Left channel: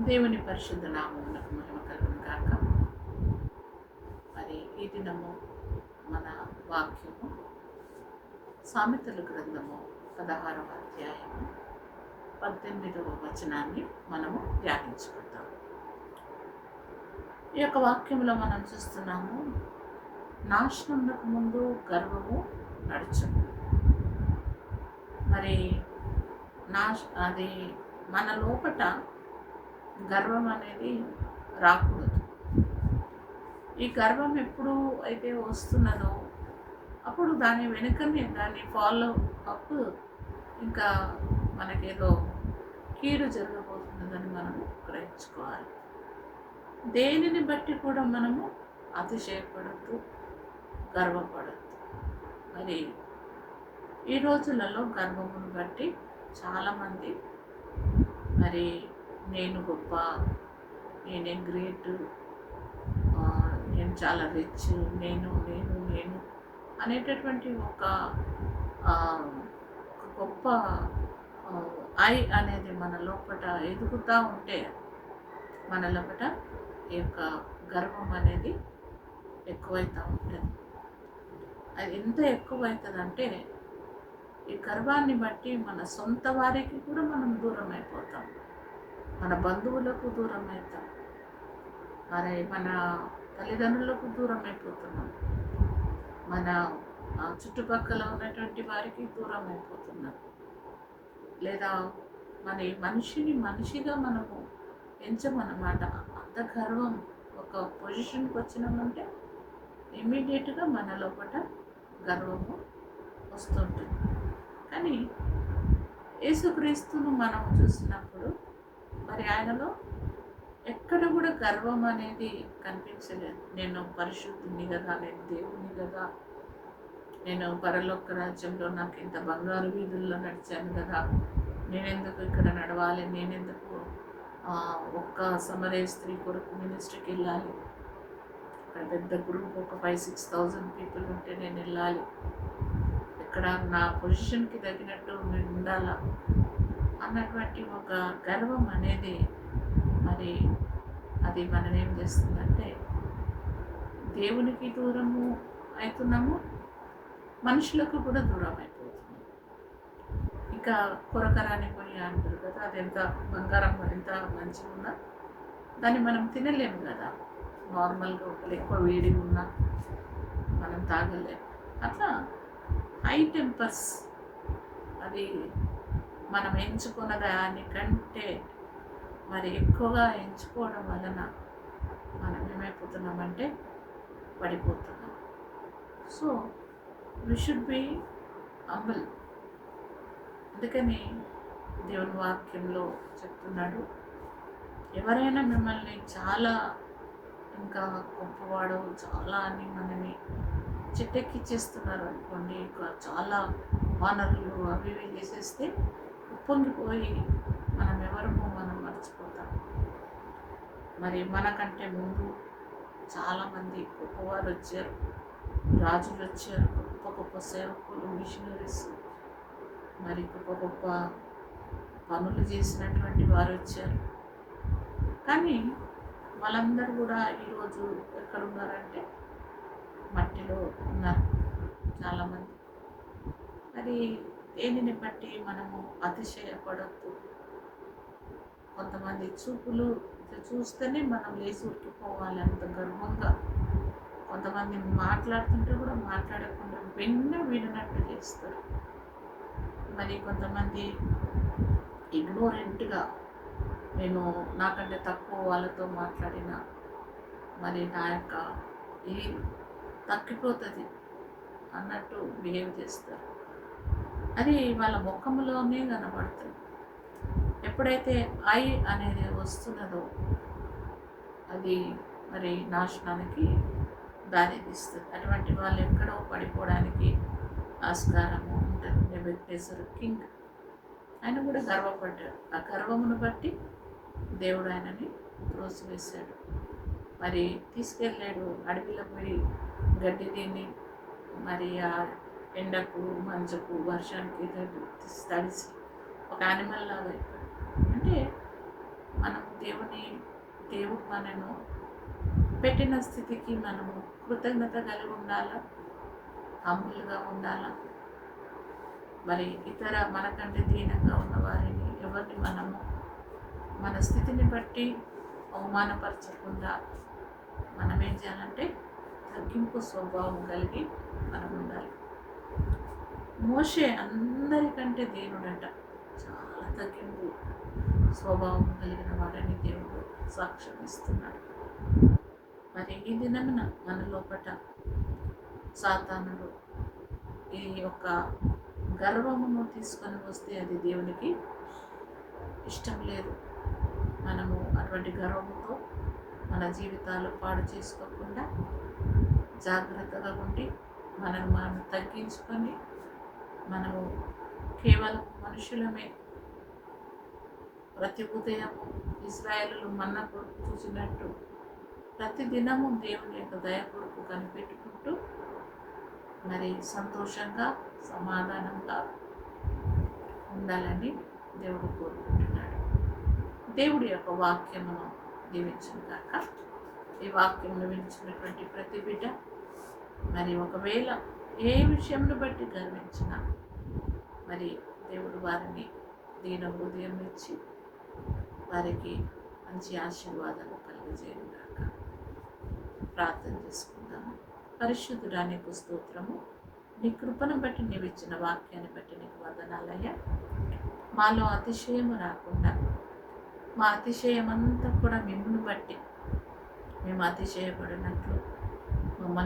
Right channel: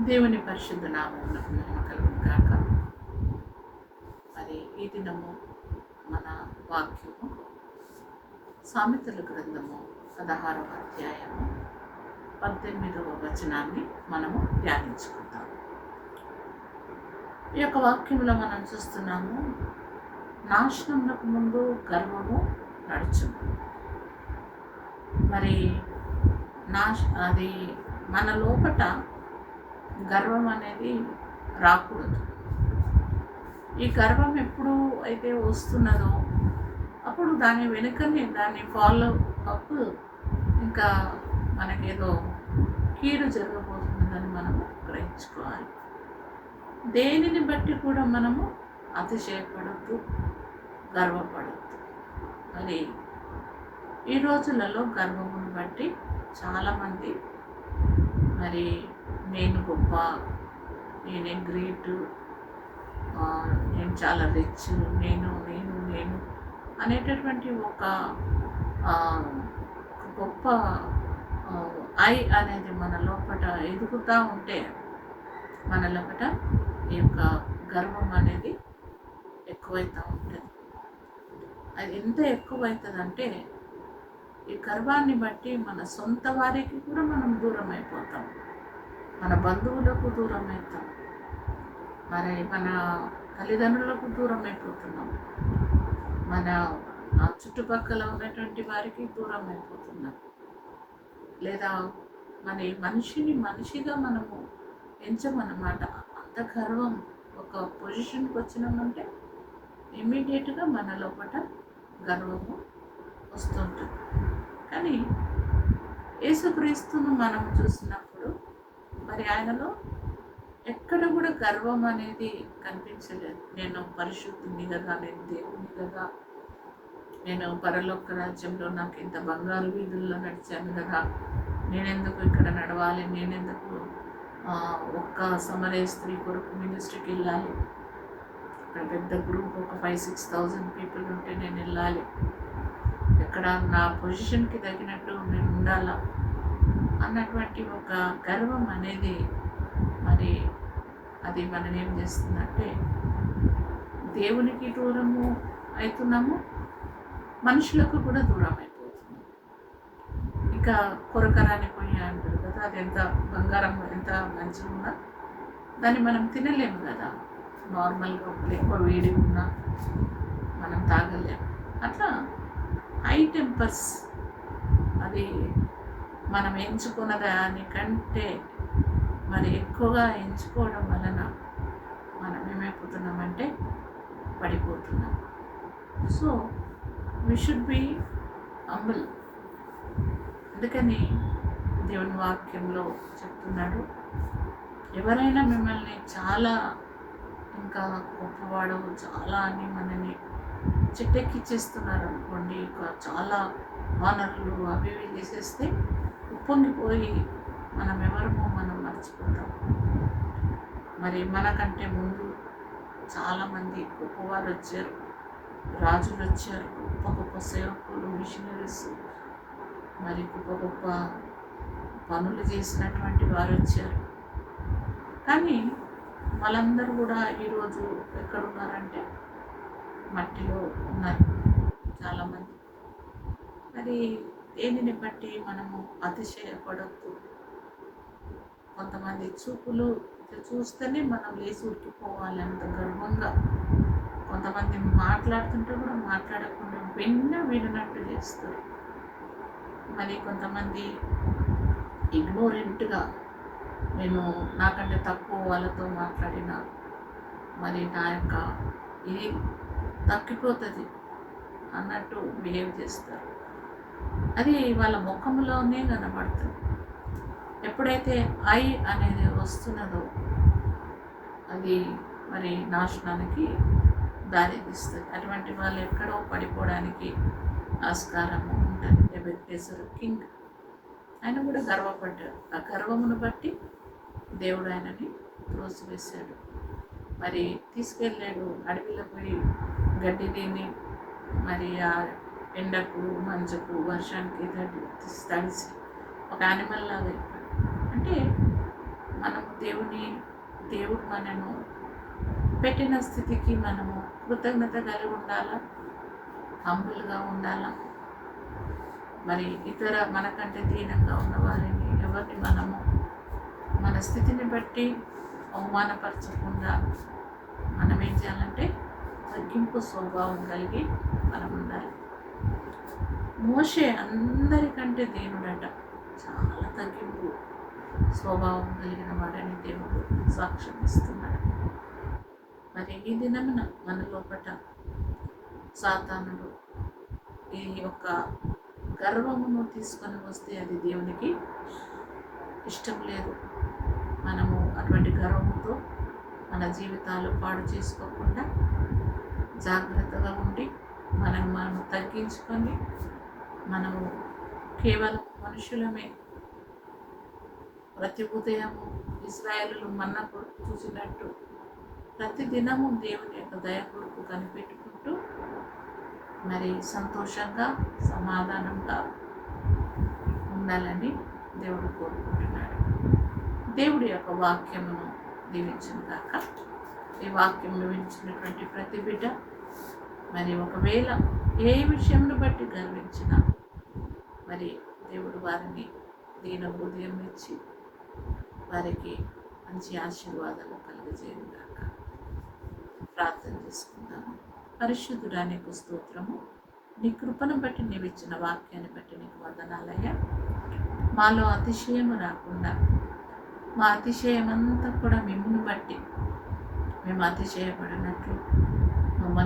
దేవుని పరిశుద్ధ నామమునకు మహిమ కలుగును కాక మరి ఈ దినము మన వాక్యము సామెతల గ్రంథము పదహారవ అధ్యాయము పద్దెనిమిదవ వచనాన్ని మనము ధ్యానించుకుందాం. ఈ యొక్క వాక్యంలో మనం చూస్తున్నాము నాశనమునకు ముందు గర్వము నడుచును. మరి నాశ అది మన లోపట గర్వం అనేది రాకూడదు. ఈ గర్వం ఎప్పుడు అయితే వస్తున్నదో అప్పుడు దాని వెనుకనే దాన్ని ఫాలో అప్ ఇంకా మనకేదో కీడు జరగబోతున్నదని మనము గ్రహించుకోవాలి. దేనిని బట్టి కూడా మనము అతిశయపడద్దు గర్వపడద్దు. మరి ఈ రోజులలో గర్వమును బట్టి చాలామంది మరి నేను గొప్ప నేనే గ్రేట్ నేను చాలా రిచ్ నేను నేను నేను అనేటటువంటి ఒక ఒక గొప్ప ఐ అనేది మన లోపల ఎదుగుతూ ఉంటే మన లోపల ఈ యొక్క గర్వం అనేది ఎక్కువైతూ ఉంటుంది. అది ఎంత ఎక్కువవుతుందంటే ఈ గర్వాన్ని బట్టి మన సొంత వారికి కూడా మనం దూరం అయిపోతాం మన బంధువులకు దూరం అవుతాం మరి మన తల్లిదండ్రులకు దూరం అయిపోతున్నాం మన చుట్టుపక్కల ఉన్నటువంటి వారికి దూరం అయిపోతున్నాం లేదా మన మనిషిని మనిషిగా మనము ఎంచమన్నమాట. అంత గర్వం ఒక పొజిషన్కి వచ్చినామంటే ఇమ్మీడియట్గా మన లోపల గర్వము వస్తుంటుంది. కానీ యేసుక్రీస్తును మనం చూసినప్పుడు మరి ఆయనలో ఎక్కడ కూడా గర్వం అనేది కనిపించలేదు. నేను పరిశుద్ధుని కదా నేను దేవుని కదా నేను పరలోక రాజ్యంలో నాకు ఇంత బంగారు వీధుల్లో నడిచాను కదా నేనెందుకు ఇక్కడ నడవాలి నేనెందుకు ఒక్క సమరే స్త్రీ కొరకు మినిస్ట్రీకి వెళ్ళాలి? అక్కడ పెద్ద గ్రూప్ ఒక ఫైవ్ సిక్స్ థౌజండ్ పీపుల్ ఉంటే నేను వెళ్ళాలి. ఇక్కడ నా పొజిషన్కి తగినట్టు నేను ఉండాలా? అన్నటువంటి ఒక గర్వం అనేది మరి అది మనని ఏం చేస్తుందంటే దేవునికి దూరము అవుతున్నాము మనుషులకు కూడా దూరం అయిపోతున్నాము. ఇంకా కొరకరాని పొయ్యి అంటారు కదా అది ఎంత బంగారం ఎంత మంచిగా ఉన్నా దాన్ని మనం తినలేము కదా. నార్మల్గా ఒకరు ఎక్కువ వేడి ఉన్నా మనం తాగలేము. అట్లా హై టెంపర్స్ అది మనం ఎంచుకున్న దానికంటే మరి ఎక్కువగా ఎంచుకోవడం వలన మనం ఏమైపోతున్నామంటే పడిపోతున్నాం. So we should be humble అందుకని దేవుని వాక్యంలో చెప్తున్నాడు ఎవరైనా మిమ్మల్ని చాలా ఇంకా గొప్పవాడు చాలా అని మనని చిట్టెక్కిచ్చేస్తున్నారు అనుకోండి చాలా ఆనర్లు అవి ఇవి చేసేస్తే ఉప్పొంగిపోయి మనం ఎవరమో మనం మర్చిపోతాం. మరి మనకంటే ముందు చాలామంది గొప్పవారు వచ్చారు రాజులు వచ్చారు గొప్ప గొప్ప సేవకులు మిషనరీస్ మరి గొప్ప గొప్ప పనులు చేసినటువంటి వారు వచ్చారు కానీ వాళ్ళందరూ కూడా ఈరోజు ఎక్కడున్నారంటే మట్టిలో ఉన్నారు చాలామంది. మరి దేనిని బట్టి మనము అతిశయపడద్దు? కొంతమంది చూపులు చూస్తేనే మనం లేచి ఉరికిపోవాలి అంత గర్వంగా. కొంతమంది మాట్లాడుతుంటే కూడా మాట్లాడకుండా విన్న వినట్టు చేస్తారు. మరి కొంతమంది ఇగ్నోరెంట్గా నేను నాకంటే తక్కువ వాళ్ళతో మాట్లాడిన మరి నా యొక్క ఇది తగ్గిపోతుంది అన్నట్టు బిహేవ్ చేస్తారు. అది వాళ్ళ ముఖంలోనే కనబడుతుంది. ఎప్పుడైతే ఐ అనేది వస్తున్నదో అది మరి నాశనానికి దారితీస్తుంది. అటువంటి వాళ్ళు ఎక్కడో పడిపోవడానికి ఆస్కారము ఉంటుంది. నెబెక్టేసర్ కింగ్ ఆయన కూడా గర్వపడ్డాడు. ఆ గర్వమును బట్టి దేవుడు ఆయనని త్రోసివేశాడు. మరి తీసుకెళ్ళాడు అడవిలో పోయి గడ్డి తిని మరి ఆ ఎండకు మంచుకు వర్షానికి తడిసి ఒక యానిమల్ లాగా అయిపోయాడు. అంటే మనము దేవుని దేవుడు మనను పెట్టిన స్థితికి మనము కృతజ్ఞత కలిగి ఉండాలా? హంబుల్గా ఉండాలా? మరి ఇతర మనకంటే దీనంగా ఉన్న వారిని ఎవరిని మనము మన స్థితిని బట్టి అవమానపరచకుండా మనం ఏం చేయాలంటే తగ్గింపు స్వభావం కలిగి మనం ఉండాలి. మోషే అందరికంటే దేవుడట. చాలా తగ్గింపు స్వభావం కలిగిన వాడని దేవుడు సాక్ష్యం ఇస్తున్నాడు. మరి ఈ దినమున మన లోపట సాతానుడు ఈ యొక్క గర్వమును తీసుకొని వస్తే అది దేవునికి ఇష్టం లేదు. మనము అటువంటి గర్వముతో మన జీవితాలు పాడు చేసుకోకుండా జాగ్రత్తగా ఉండి మనం మనం తగ్గించుకొని మనము కేవలం మనుషులమే. ప్రతి ఉదయము ఇస్రాయలు మన్న కొడుకు చూసినట్టు ప్రతి దినము దేవుని యొక్క దయ కొడుకు కనిపెట్టుకుంటూ మరి సంతోషంగా సమాధానంగా ఉండాలని దేవుడు కోరుకుంటున్నాడు. దేవుడి యొక్క వాక్యమును దీవించును కాక ఈ వాక్యం వినిచినటువంటి ప్రతి బిడ్డ మరి ఒకవేళ ఏ విషయమును బట్టి గర్వించినా మరి దేవుడు వారిని దీన హృదయం ఇచ్చి వారికి మంచి ఆశీర్వాదాలు కలిగజేయను కాక ప్రార్థన చేసుకుందాము పరిశుద్ధుడా నీకు స్తోత్రము. నీ కృపను బట్టి నీవు ఇచ్చిన వాక్యాన్ని బట్టి నీకు వందనాలయ్యా. మాలో అతిశయము రాకుండా మా అతిశయం అంతా కూడా మిమ్మును బట్టి మేము అతిశయపడినట్లు